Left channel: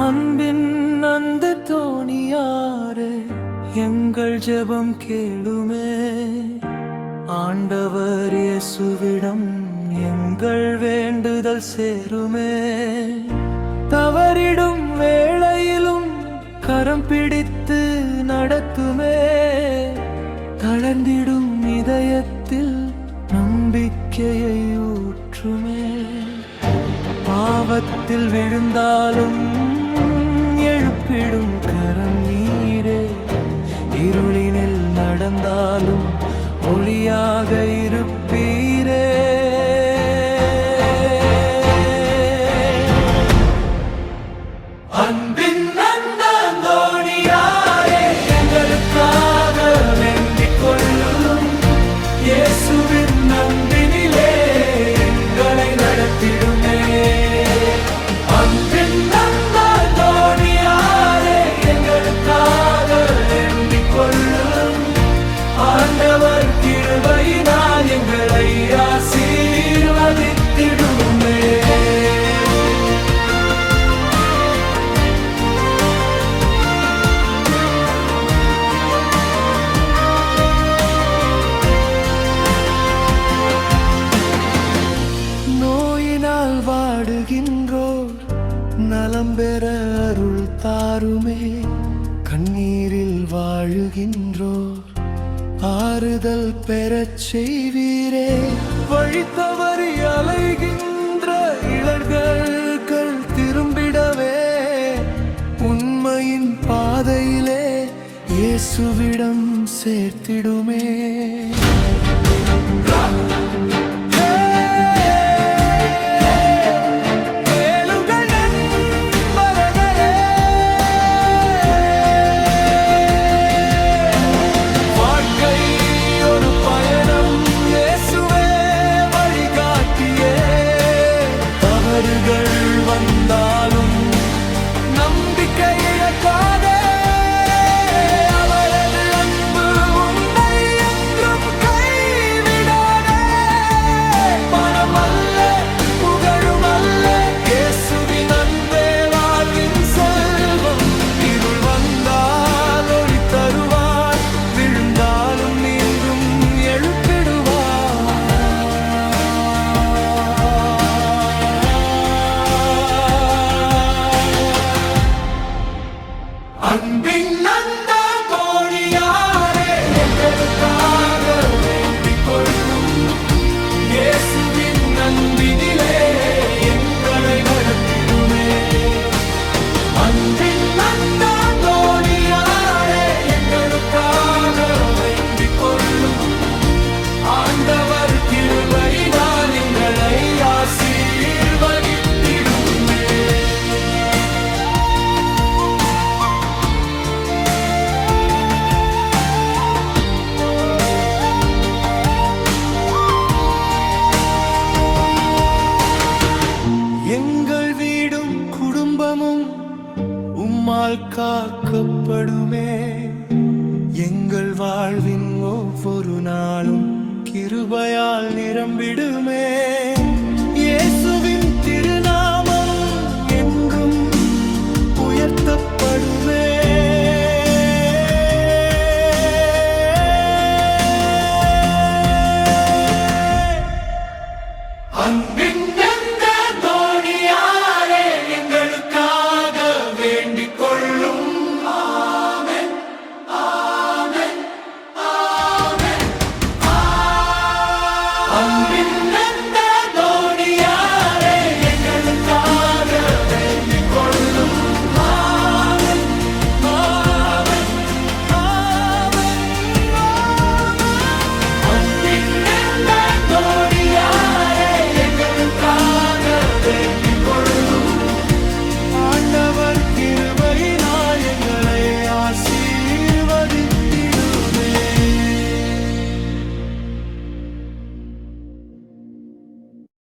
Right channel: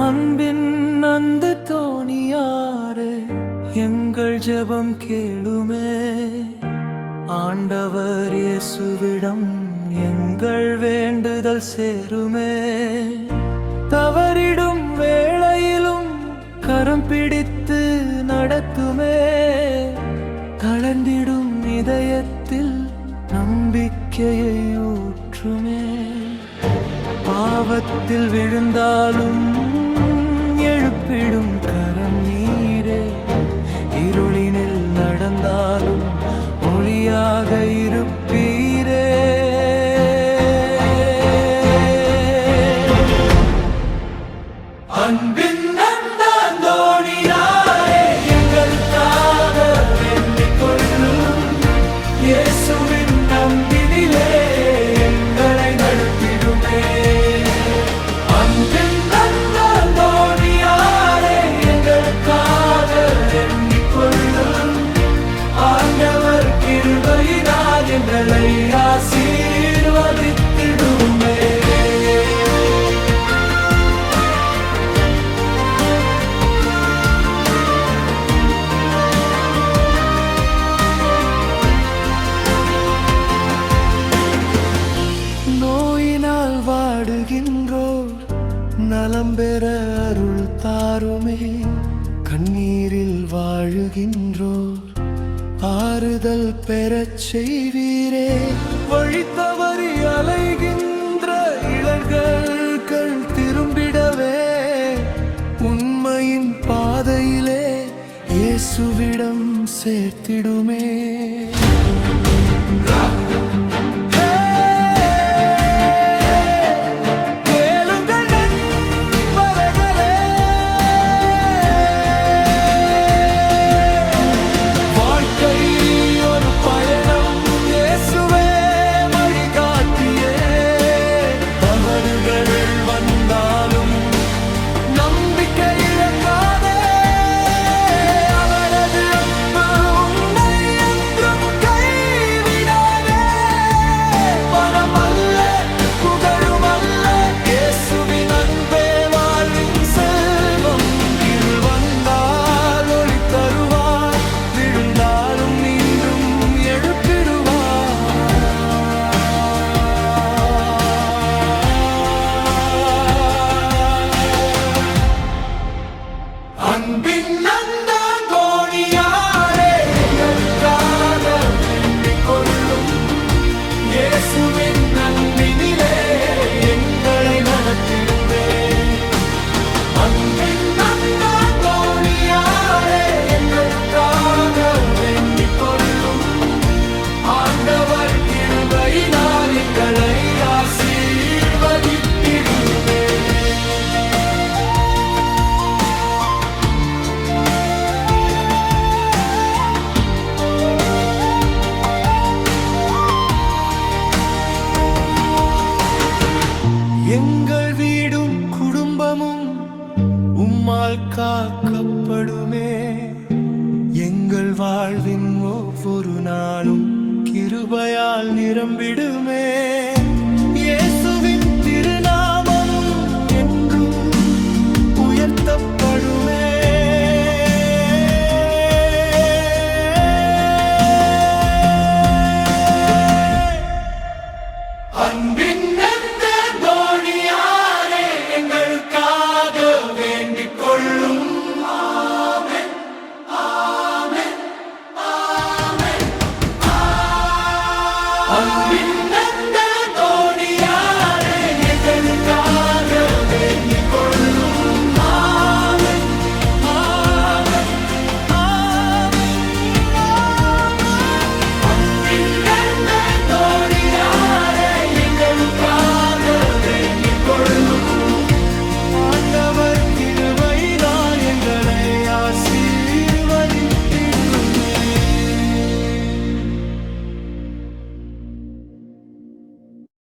அன்பின் அந்த தோணியாரே எங்கள் ஜெபம் கேளுமே. ஆண்டவர் இயேசுவிடம் எங்கள் வேண்டுதல் சேருமே. தவறிடும் வேளையிலும் கரம் பிடித்து நடத்துமே. தளர்ந்திடும் இதயத்தில் நம்பிக்கையை ஊற்றுமே. பாவத்தில் விழுந்தாலும் எழுப்பிடும் கரம் நீரே. இருளினில் நடந்தாலும் ஒளியாக இருப்பீரே. அன்பின் அந்த தோணியாரே எங்களுக்காக வேண்டிக் கொள்ளும். இயேசுவின் அன்பினிலே எங்களை நடத்திடுமே. அன்பின் அந்த தோணியாரே எங்களுக்காக வேண்டிக் கொள்ளும். ஆண்டவர் கிருபையினால் எங்களை ஆசீர்வதித்திடுமே. நோயினால் வாடுகின்றோர் நலம் பெற அருள் தாருமே. கண்ணீரில் வாழுகின்றோர் ஆறுதல் பெறச் செய்வீரே. வழி தவறி அலைகின்ற இளர்கள் திரும்பிடவே உண்மையின் பாதையிலே இயேசுவிடம் சேர்த்திடுமே. வந்தாலும் நம்பிக்கை இழக்காதே. அவரது அன்பு உன்னை என்றும் கைவிடாதே. பணம் அல்ல புகழும் அல்ல இயேசுவின் அன்பே வாழ்வின் செல்வம். இருள் வந்தால் ஒளி தருவார். விழுந்தாலும் மீண்டும் எழுப்பிடுவார். அன்பின் அந்த தோணியாரே எங்களுக்காக வேண்டிக் கொள்ளும். இயேசுவின் அன்பினிலே எங்களை நடத்திடுமே. அன்பின் அந்த தோணியாரே எங்களுக்காக வேண்டிக் கொள்ளும். ஆண்டவர் கிருபையினால் எங்களை ஆசீர்வதித்திடுமே. எங்கள் வீடும் குடும்பமும் உம்மால் காக்கப்படுமே. எங்கள் வாழ்வின் ஒவ்வொரு நாளும் கிருபையால் நிரம்பிடுமே. இயேசுவின் திருநாமம்